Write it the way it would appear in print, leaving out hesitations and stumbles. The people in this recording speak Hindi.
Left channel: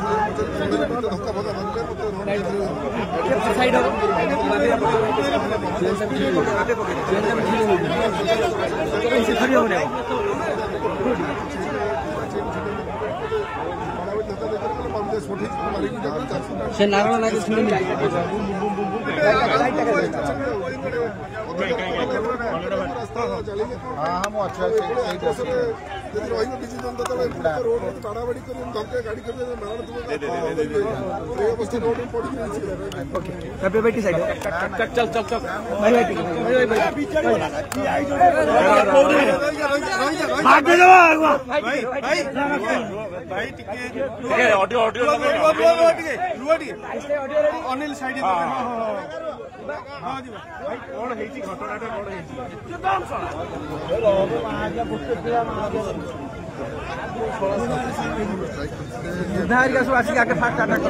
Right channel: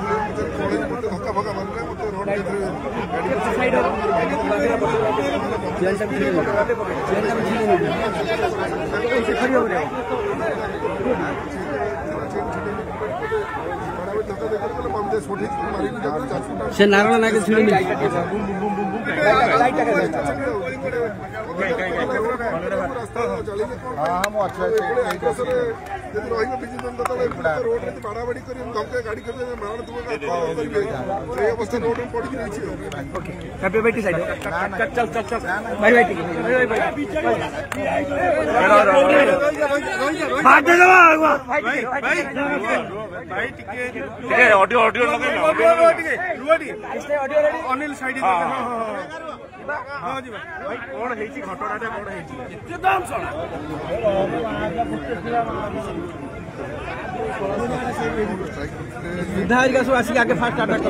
धक्का फका मारे मत रोड से नारायण नायक रही विजु जनता दल रोड में बाड़ाबाड़ी कर धक्का गाड़ी कर मारण करेंगे अवस्था रोड में पड़ी अनिल साइड कौन घटना कौन